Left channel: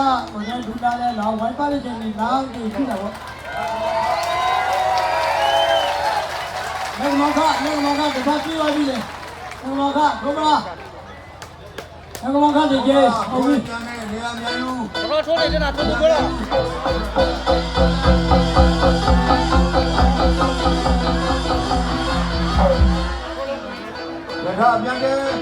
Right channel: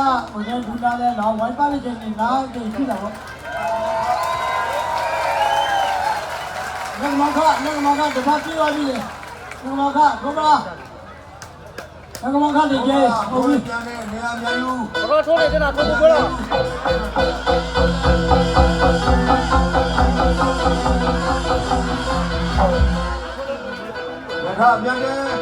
မနေ့ဒူနာလဲတော့ဝိုင်းပါလေးချင်းဒီနားကိုရှိတာပေါ့ငါမခတပတ်ပြေးသွားပြီလေငါမခဘုမလားငါမခတကယ်ဟုတ်ပြီဘာလို့ထိုးနေကြတာထိုးလို့ပြောရထားပြန်လေ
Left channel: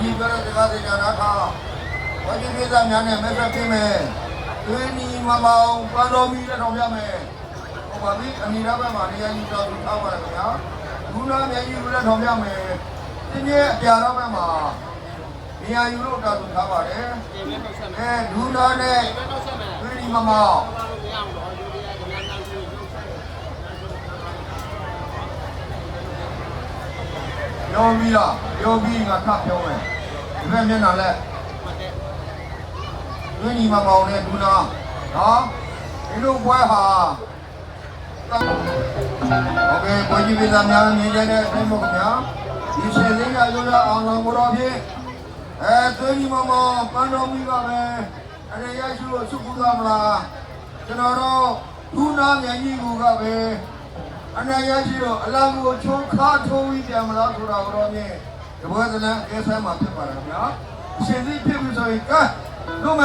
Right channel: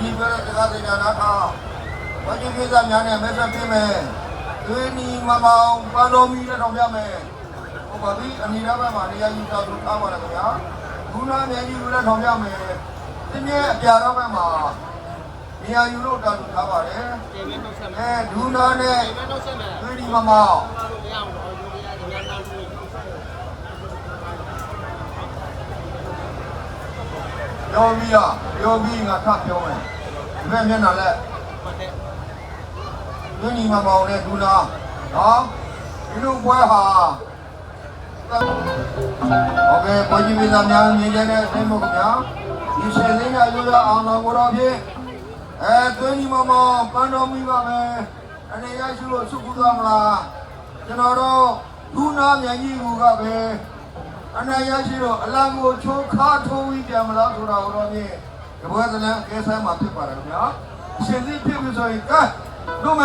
ဒီပဲတရားစင်တာကဘာဒီကိစ္စများနဲ့လက်ဆက်ပြမယ်သွေးနီမမောင်ပန်းတော်မီတဲ့ထောင်ပြမယ်ဟိုပါဒီအနီရဘက်မှာနေရာကြီးတောက်ပြီးထားပါလားခင်ဗျာဘူးနာနေကြီးတဲ့ထောင်ပြမယ်ဒီနေ့အပြာတော့ဘက်မှာနေရာယူလို့တောက်ထားပါတယ်ဒီမဲ့တော့ဆက်မယ်ဘူးနာနဲ့ဒီမဲ့တော့ဆက်မယ်သွေးနီမမောင်လို့မရဘူးတော့ယူတရားကများများလို့ယူဆက်ယောဂီကထပြောတယ်ဒီမဲ့မျက်နှာလက်မှတ်တယ်ဒီညီမမောင်နဲ့ဒူနာနော်ဒီလိုပွဲဟာโอเคဘယ်ကြီးပြည်သားများမြင်တဲ့အသိမှုခင်ဗျာဒီဆယ်လေးကလူရအောင်တော်မတော်ဖြင့်သွေးညီမမောင်ပန်းတော်မူပါပဲအနေရရှိလို့ဆုကုသမှာကျွန်တော်တို့ဒူနာမြန်ကြီးကပဲအနေရရှိတော့အလားကိုချိုးခါထိုးပြီးပြန်မလားဆိုတော့ဖြင့်ဒီဘဝတည်းအေးဆန်းမှာဖြစ်ပါတယ်ခင်ဗျာရှင်စီဖြစ်မှုဆိုရင်ကဲတို့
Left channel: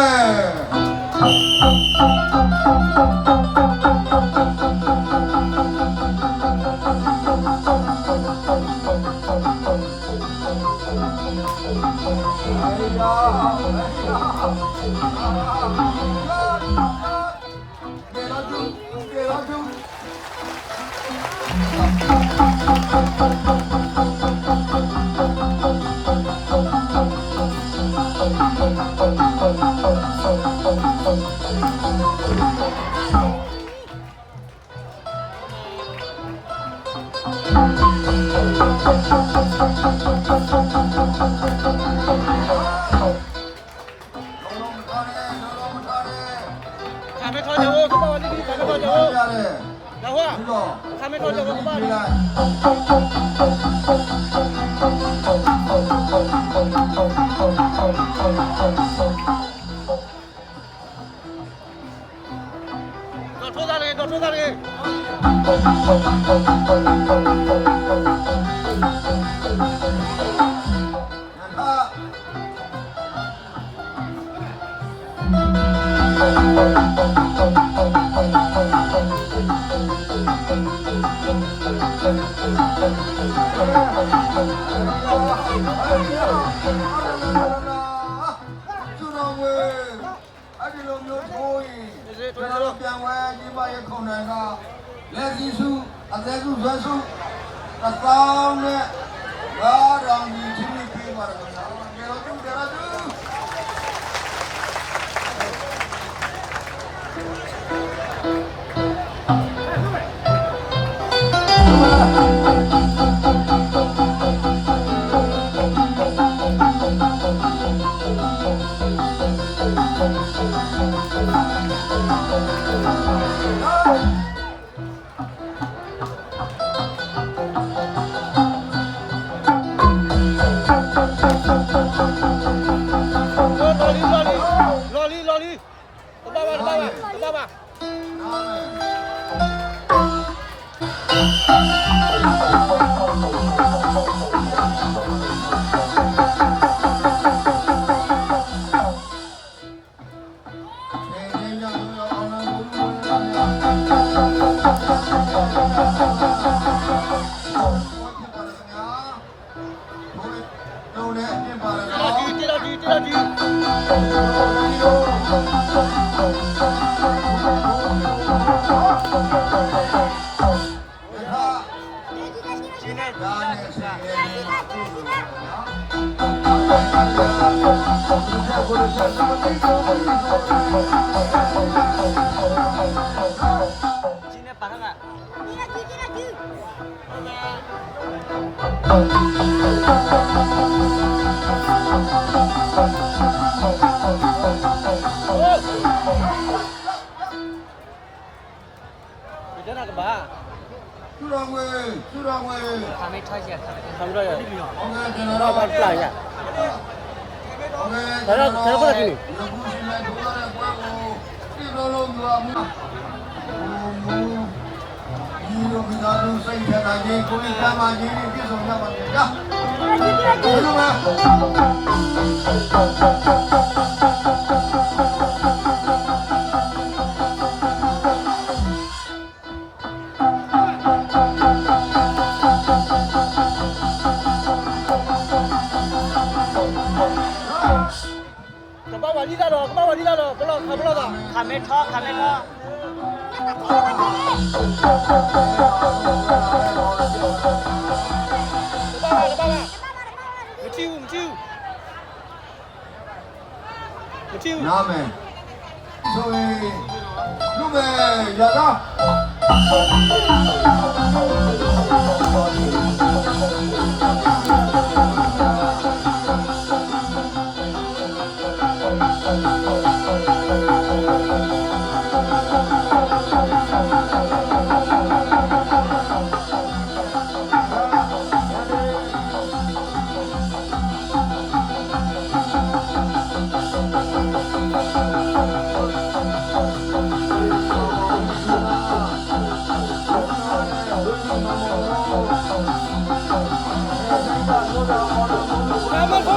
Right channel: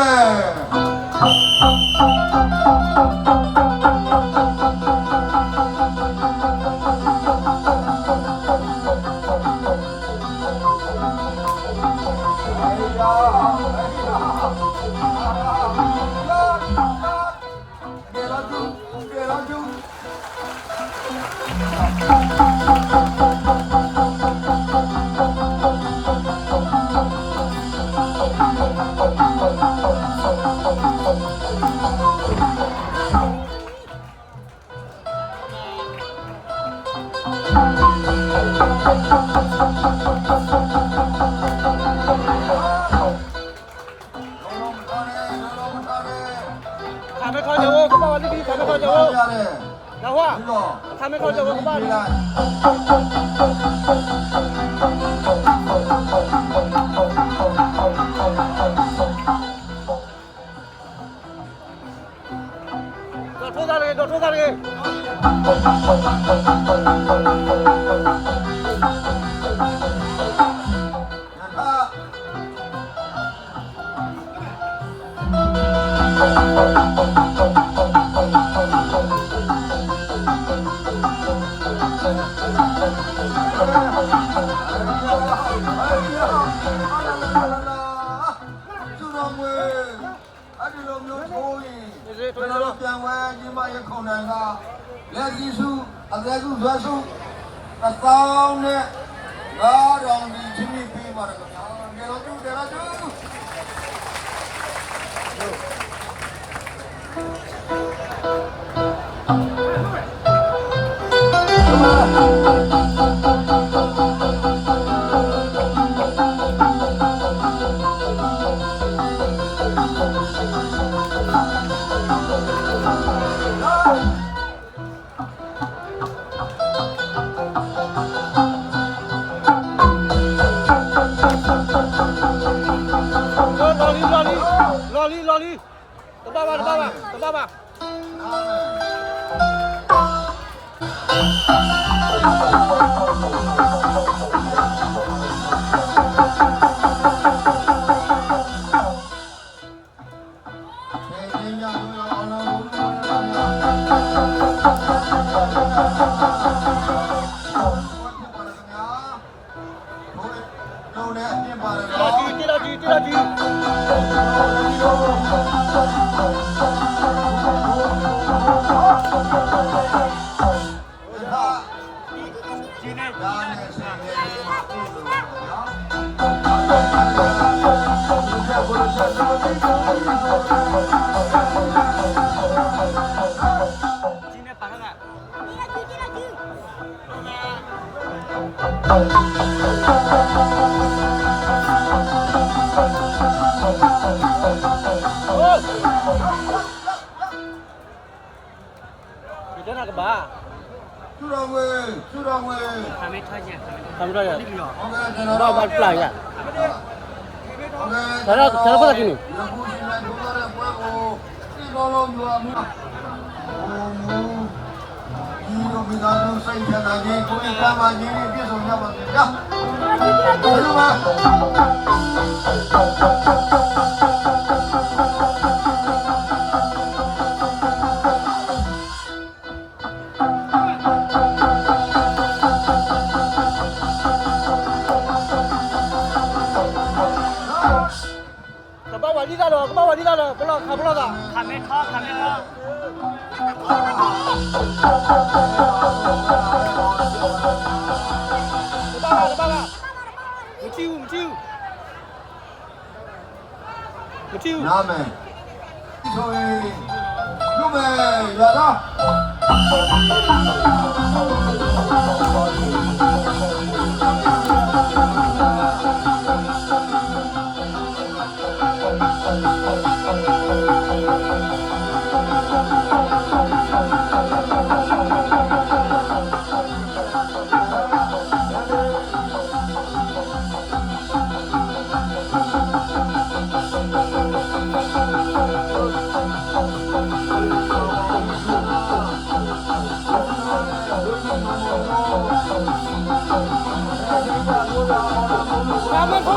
没看见我，他爸爸你看没看见我？老话，他没看见我，他爸你。搞错啥嘞？搞错啥嘞？ပြန်ဝဲညီမရဲ့ခုံနိုင်ကလက်စီစုအသက်စုဇွဲစုအကောင်းနဲ့ဘာရောင်ကြီးချင်းပြီးပါတော့ကျွန်တော်တို့ကတော့老李，我爸爸。还没抄起来，他们这有，ကျွန်တော်တို့ 不来呀。ကျွန်တော်ဘာလဲဒီလိုလုံးယူအောင်ဒီလိုကလည်းစိတ်ထတာချင်းကိုယ်ကမှချင်းပြည့်စုံရပါမယ်ကြာဘယ်လိုလဲ你咋了？爸爸你咋了？不了，看不了的。卡梅超，卡梅超。爸爸，爸爸，不救，不救，不救。拿没？所以，路没有的。卡梅超。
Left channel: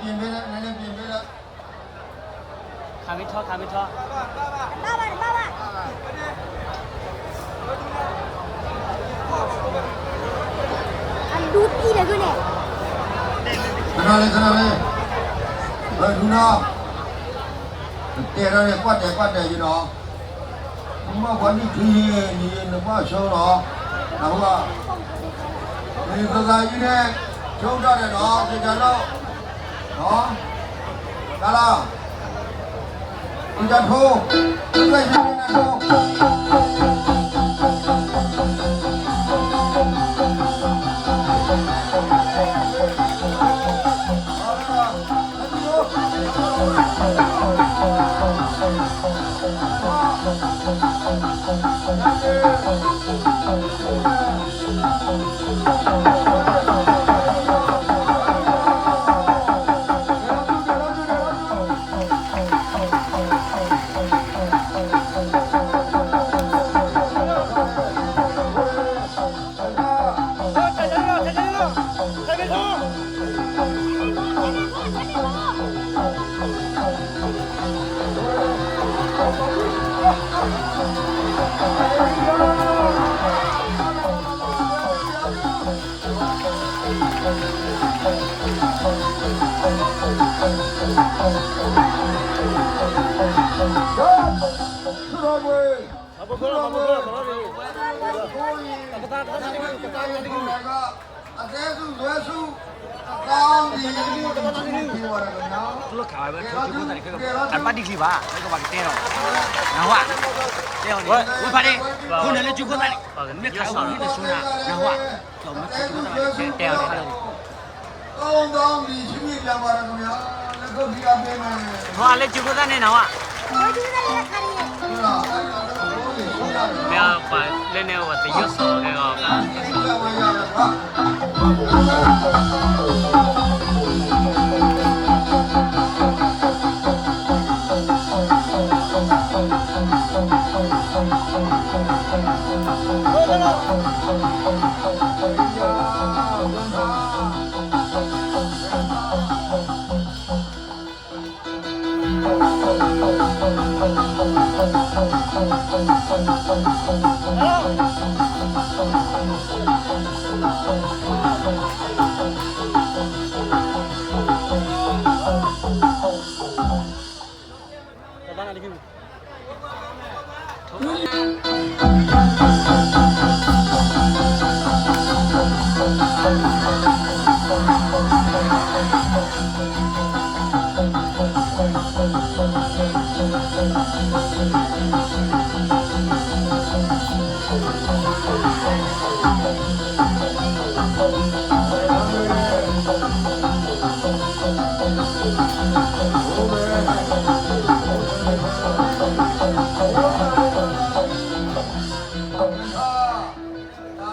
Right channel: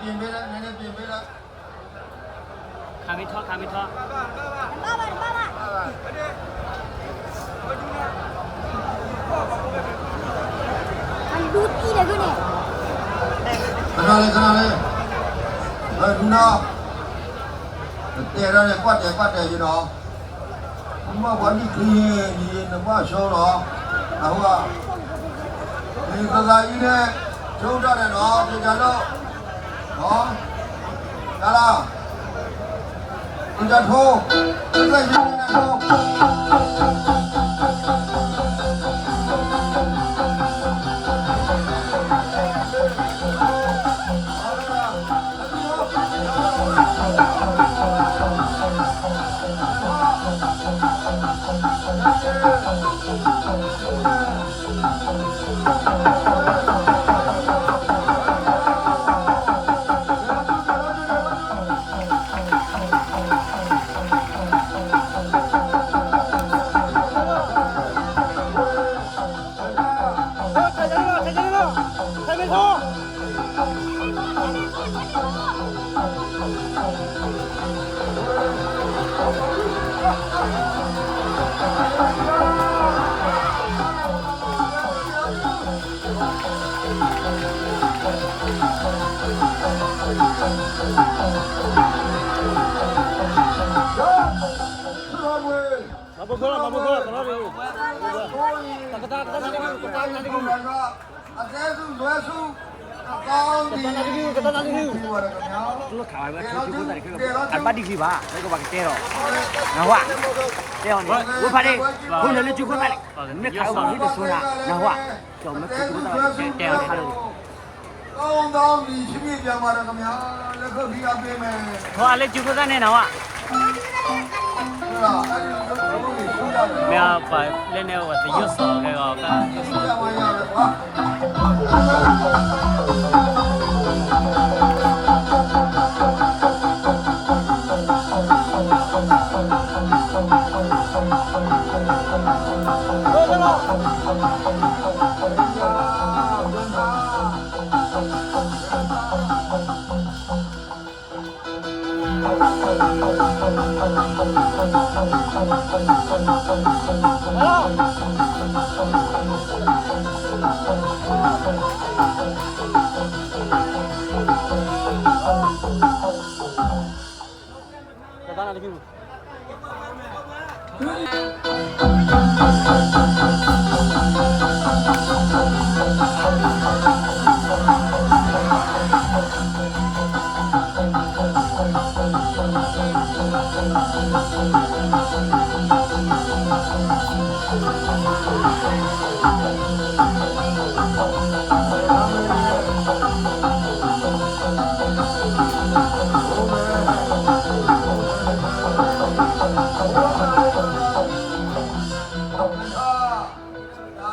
ပြင်ပေးလိုက်နည်းနည်းပြင်ပေးလိုက် 卡梅超，卡梅超。 ခဏလေးဘယ်ကူနာတဲရတယ်ကွက်တယ်ရတော့ဒီမှာဘာလို့ဒီနမရှောင်းတော့တော့ဒီကစားကြီးနဲ့ကျုံးတတ်တယ်တော့ဒီကြတော့ဟောဟာလားဒီကထိုးဒီကကြီးနဲ့ထိုး သူတို့ခါပဲထိုးချိုးကိုတာတွေကအပတ်တိကြီးပါဘယ်ကပါတဲတော့ငါဟွာတဲအောင်ဝဖားနေခုနလည်းချိုးကိုတာလေမြက်ခါအောင်ဒီဆိုတာငါဟွာကျော်မချိုးကိုတာတဲအောင်တဲအောင် ကောင်းဒီရှိပြပြန်ပါရခင်ဗျာလက်ကိုပြရပေးမယ် ဟွာလည်းချိုးကိုတာနဲ့နော်ဟွာမင်းပါလည်းနေဝတ်ရွတ်စော်ခဲ့တော့ကရွတ်စော် ဟ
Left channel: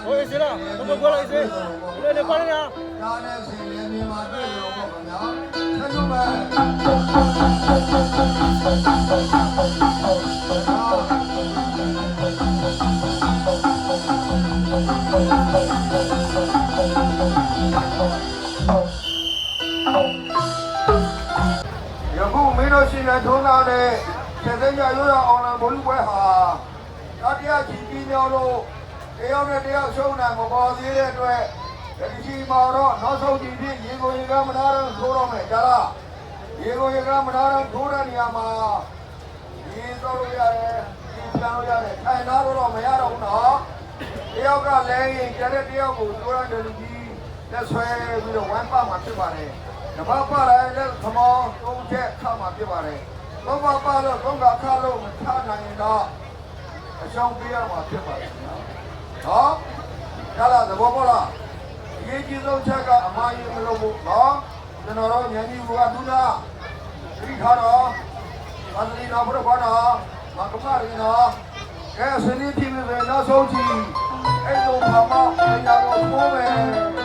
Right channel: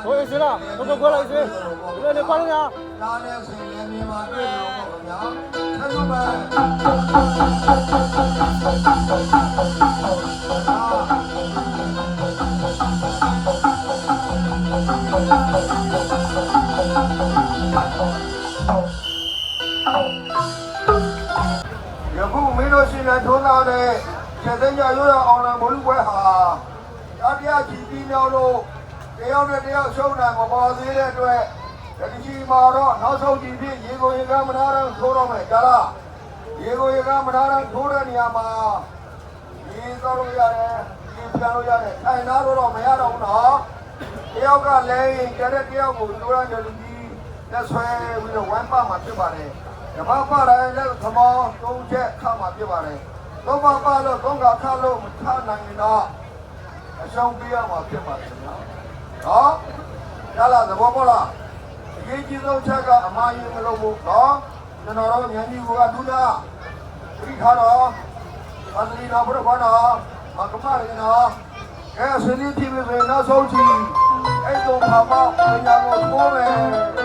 ဟိုအေးစလားကိုကိုလိုက်စေလေခွာနေရ နားနဲ့ဆင်နေပြီးမှတွေ့လို့ယခုမင်းတို့ရှင်နဲ့ထုံးထားတဲ့ချက်သိမ်းရရွေးအောင်လည်းဘလူပွဲဟာတတိယကြည်ပြီးမျိုးတို့တယောက်နဲ့တယောက်ရှုံးတာမပေါ်သေးတဲ့အတွက်ဒီကြီးမှာတော့နောက်ဆုံးကြည့်ပြီးရေကိုရေကမနာတော့ထိုးတော့မယ်ကြားလားရေကိုရေကမနာတော့ထိုးတဲ့နေရာမှာဒီသလိုရတယ်ဒီပြောင်းရတယ်ထိုင်နာတော့မရတော့ဘူးနော်တယောက်ကလည်းကျတဲ့တယောက်ကိုထိုးရကြလို့ကြီးလက်ဆွဲပြီးတော့ဝမ်းပါမှာဖြစ်ပါတယ်ဓမ္မပါတိုင်းလည်းသမောသုံးချက်ထားမှာဖြစ်ပါတယ်တော့ပါလို့သုံးကခါလို့ခါနိုင်တော့အရှောင်းပြရမှာဖြစ်ပါတယ်ဟောကြားလားသဘောပေါက်လားဒီကြီးဆုံးချက်ကအမှားကြီးမလို့ဘူးဟောကျွန်တော်တို့ဉာဏ်ကြီးကသူလားဒီခါတော့အန်ဒီနာဘရဘာနာမကမရနာအဲစနေတိမနေနောက်ဆုံးကြည့်အဲ့လိုပါမပညာကိုပိုးမယ်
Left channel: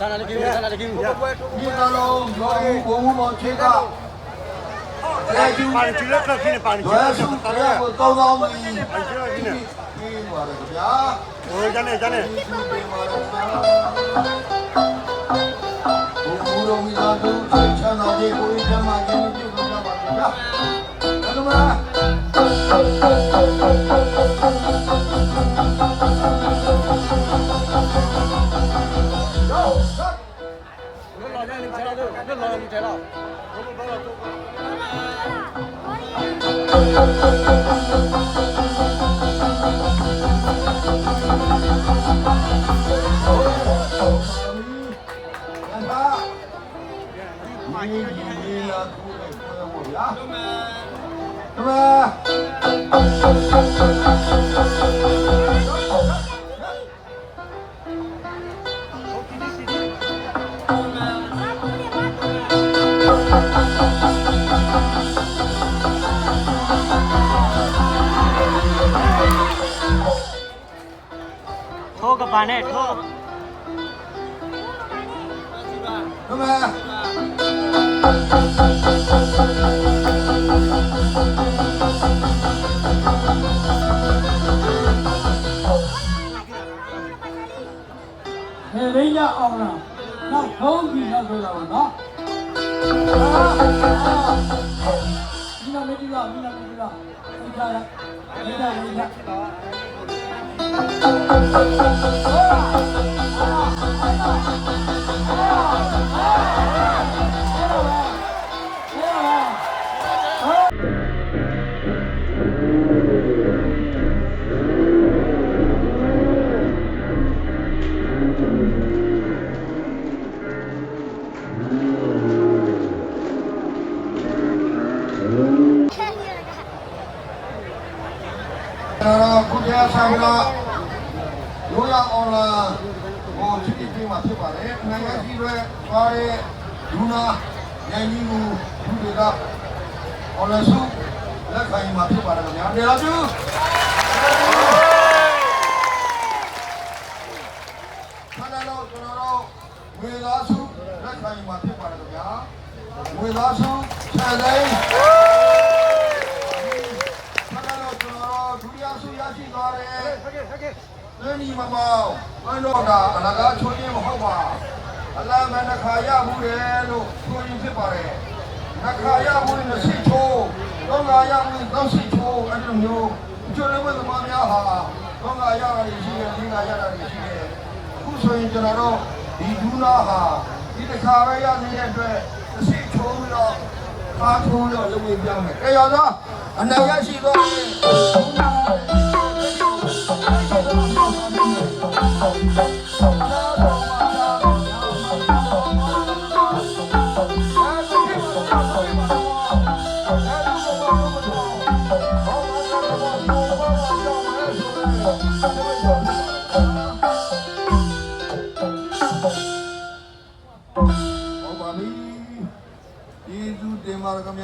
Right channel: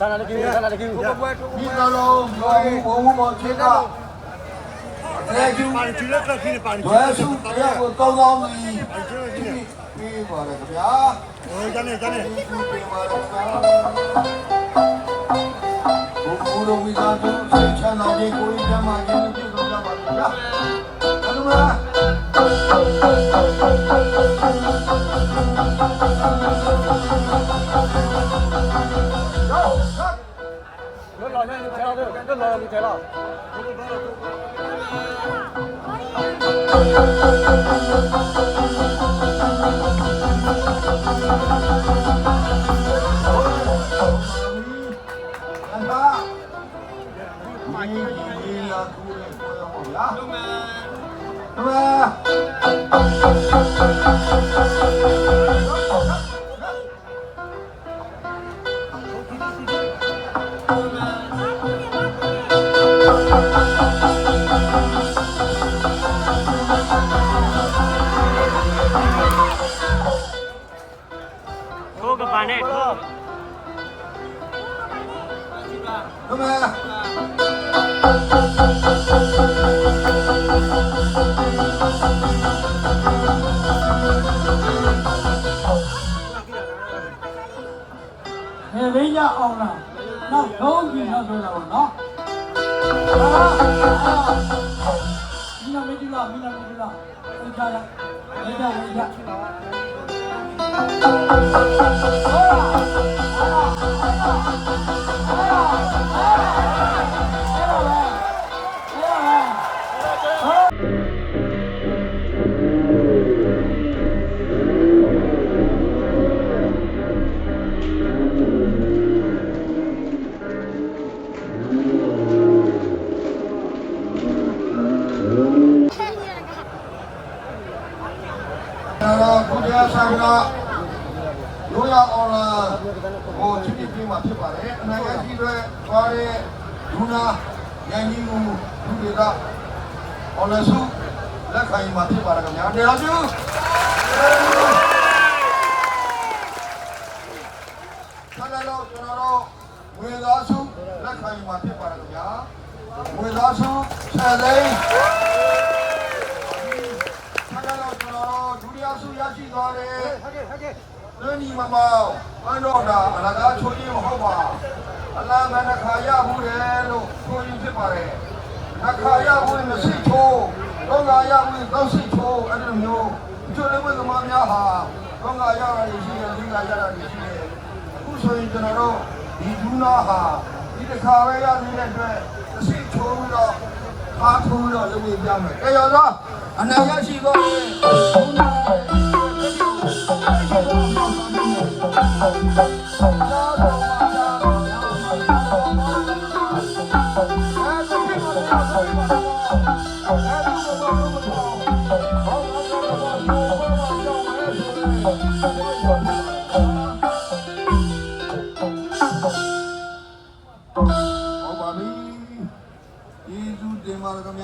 ဒါလည်းကြည့်ဒါလည်းကြည့် ဒီလိုရောဘုံဘုံချေကအဲ့ဒီပါချီရကခင်းပါနေတယ်ဆိုတော့ကိုတောင်းတောင်းပြီးပြီးပါလေဗျာ ကျန်နေကျန်နေ ဘုရားဝိသာတုချမ်းသာခြင်းကိုဓမ္မခြင်းပြုလုပ်ကြပါဗျာဘုရား 老娘你抬到这，这老娘你抬了。 ထိုးကပန်နဲ့ထိုး နေရင်းရအောင်လားနောက်ဘုံကြီးနောက်ပြောတော့နော်ဒီလိုမေတ္တာမိနစ်ကဥချာရရရရ ဘုရားဆောင်တော်ရိုးရအောင်လားဟိုချစ်ကြည့်မှဖြစ်ပါတယ်။နိုင်ငံကြီးတွေပါတဲ့လူနာနိုင်ငံကြီးကိုသူတွေကအော်လဆုလက်ခံမှဖြစ်ပါတယ်ဗျာ။တယ်လားသူဆက်လို့ကျွန်တော်တို့ဝေလာဆုလက်ခံမှဖြစ်ပါတယ်ဗျာ။ဝေလာဆုဆက်သိမ်းရှိပါတယ်ဟဲ့ဟဲ့ဒီမှာမန်တော်ကအလကားချိုးခြင်းမဟုတ်ပါအလားမနှခါရမှုလေလို့ဆိုရင်ဖြစ်ပါတယ်နှခါရမှုမရှိချိုးတော့လာရမှုတော့ရှိချိုးအဲ့လိုမျိုးချိုးလို့သမားများဟာတော့လာရတာရှိတယ်ဒီလာရတာရှိတယ်အခုဆိုရင်ကျွန်တော်တို့ဒီဒူးနာဟာဒီတစ်ခါပဲရနေတဲ့အတွက်ရှိချိုးပြီးတော့အားထိုးတော့လုပ်ပြမယ်အဲရောသားအနာရရှိတော့ဒူးနာဟုတ်ပါပြီကျေးဇူးတင်ပါတယ်ခင်ဗျာ